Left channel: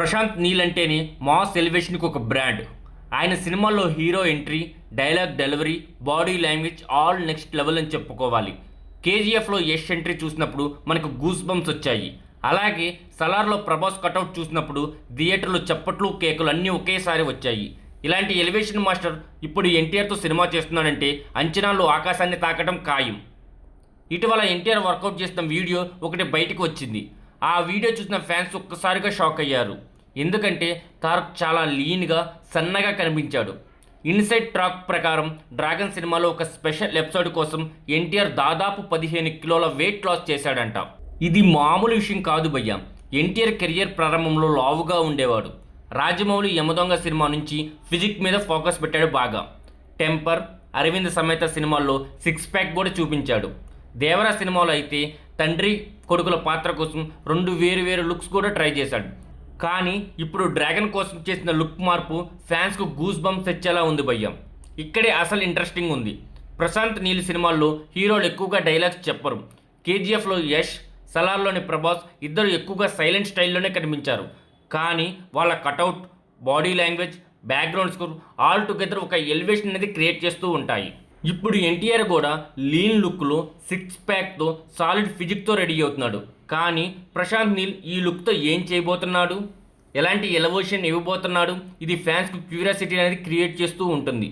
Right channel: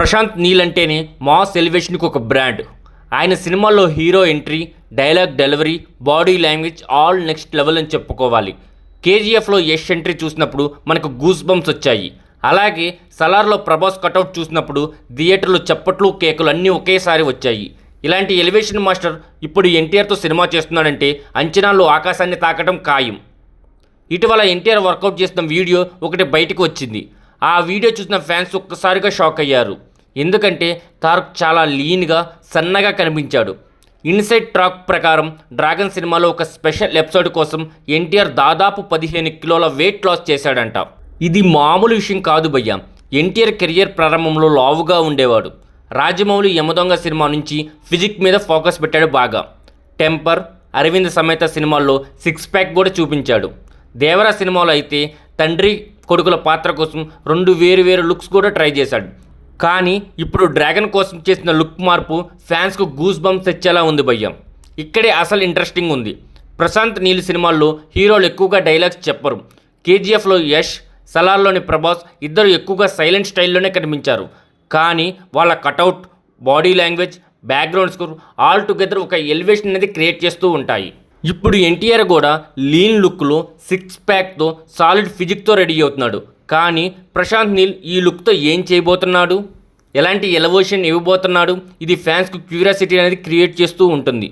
ప్రశాంత్ నీల్ అంటేనే మాస్ ఎలివేషన్కి ఒక బ్రాండ్. ఆయన సినిమాల్లో hero entry, dialogue delivery, body language all next level అని చెప్పుకోవాలి. కేజీఎఫ్లో యష్ ఎంట్రీ చూసినప్పుడు మనకు గూస్ బంప్స్ వచ్చాయి. అలాగే సలార్లో ప్రభాస్ కటౌట్ చూసినప్పుడు థియేటర్లో చప్పట్లు కేకులు అన్నీ ఒకేసారి వచ్చాయి. ఇలాంటి ఎలివేషన్ మాస్టర్ ఇప్పుడు ఎన్టీఆర్తో సినిమా చేస్తున్నాడంటే అంచనాల్లో ఆకాశాన్ని తాకడం ఖాయం. ఇటీవల ఎన్టీఆర్ వర్కౌట్ చేసిన వీడియో ఒకటి బయటకు వచ్చింది. ఆ వీడియో చూసిన ఫ్యాన్స్ ఒక్కసారిగా షాక్ అయ్యారు. ఎందుకంటే తారక్ చాలా లీన్గా సన్నగా కనిపించాడు. ఇన్సైడ్ ట్రాక్ ప్రకారం డ్రాగన్ సినిమాలో ఒక స్పెషల్ ఎపిసోడ్ కోసం ఎన్టీఆర్ దాదాపు 15 కిలోల వెయిట్ లాస్ చేశాడంట. ఇది మామూలు విషయం కాదు భయ్య. ఎన్టీఆర్ కెరియర్ ప్రారంభంలో లావుగా ఉండేవాడు. రాజమౌళి యమదొంగ సినిమా నుంచి ఫిజిక్ మీద ఫోకస్ పెట్టాడు బాగా. టెంపర్, అరవింద్ సమేత సినిమాల్లో 6 ప్యాక్ కూడా చూపించాడు. దేవరా సినిమాలో అయితే తండ్రి కొడుకుల పాత్ర కోసం 2 వేరు లుక్స్ కూడా ట్రై చేశాడు. కానీ ఇప్పుడు డ్రాగన్ కోసం చేసిన లుక్ మార్పు ఫ్యాన్స్కు గూస్ బంప్స్ తెచ్చేలా ఉంది భయ్యం. ఇక్కడే అసలు ఇంట్రెస్టింగ్ ఉంది. ప్రశాంత్ నీల్ సినిమాల్లో హీరోలు ఎక్కువగా డైలాగ్స్ చెప్పరు. కేజీఎఫ్లో యష్, సలార్లోని ప్రభాస్ ఇద్దరు ఎక్కువగా సైలెంట్ స్టైల్లోనే కనిపించారు. కానీ వాళ్ళ cutout, body language, background score all together ఒక ఎలివేషన్ అనేది క్రియేట్ చేస్తూ ఉంటాయి. ఇప్పుడు ఎన్టీఆర్ కూడా లీన్ లుక్లో 6 ప్యాక్తో సాలిడ్ ఫిజిక్తో రెడీ అవుతున్నాడు. కానీ ప్రశాంత్ నీల్ ఈ లుక్తో ఏం చేయబోతున్నాడు, ఎలాంటి ఎలివేషన్ ఇవ్వబోతున్నాడు, ఇది ఫ్యాన్స్కు క్యూరియాసిటీ అనేది క్రియేట్ చేస్తూ ఉంటుంది.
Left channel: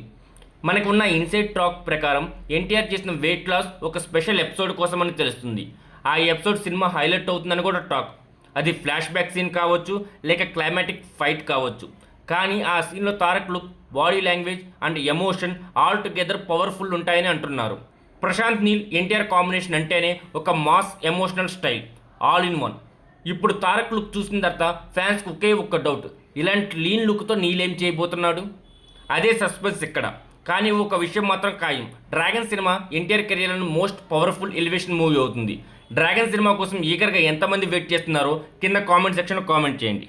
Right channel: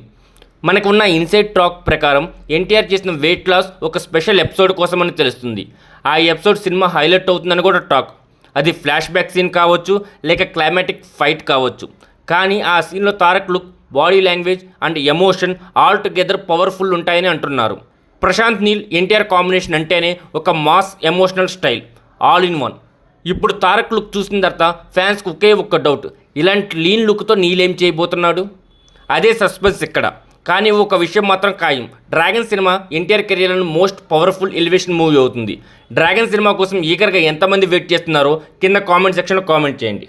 మనకున్న ఇన్సైడ్ టాక్ ప్రకారం ఎన్టీఆర్ చేసిన వెయిట్ లాస్ ఒక స్పెషల్ ఎపిసోడ్ కోసమని తెలుస్తుంది. ఆ ఎపిసోడ్ సినిమా హైలైట్ అవుతుందని కూడా టాక్. అది ఫ్లాష్ బ్యాక్ సీన్ కావచ్చు, లేక క్లైమాటిక్ ఫైట్ కావచ్చు. కానీ ఆ సీన్లో Tarak look, body language and emotion all together powerful ఉంటాయని అంటున్నారు. ప్రశాంత్ నీల్ ఎన్టీఆర్ కాంబినేషన్ అంటేనే ఒక mass emotional style, all in one. ఇప్పుడు తారక్ లుక్ చూసిన తర్వాత ఫ్యాన్స్కి ఒకే ఒక్క డౌట్, ఇలాంటి లీన్ లుక్తో నీల్ ఏం చేయబోతున్నాడు? అదే సస్పెన్స్ ఇక్కడ. కానీ ఒక విషయం మాత్రం ఖాయం, డ్రాగన్ సినిమా ఎన్టీఆర్ కెరియర్లో మోస్ట్ పవర్ఫుల్ ఎలివేషన్ మూవీ అవుతుంది. డ్రాగన్ సినిమా కోసం ఈగర్గా ఎంతమంది వెయిట్ చేస్తున్నారో కింద కామెంట్ సెక్షన్లో కామెంట్ చేయండి.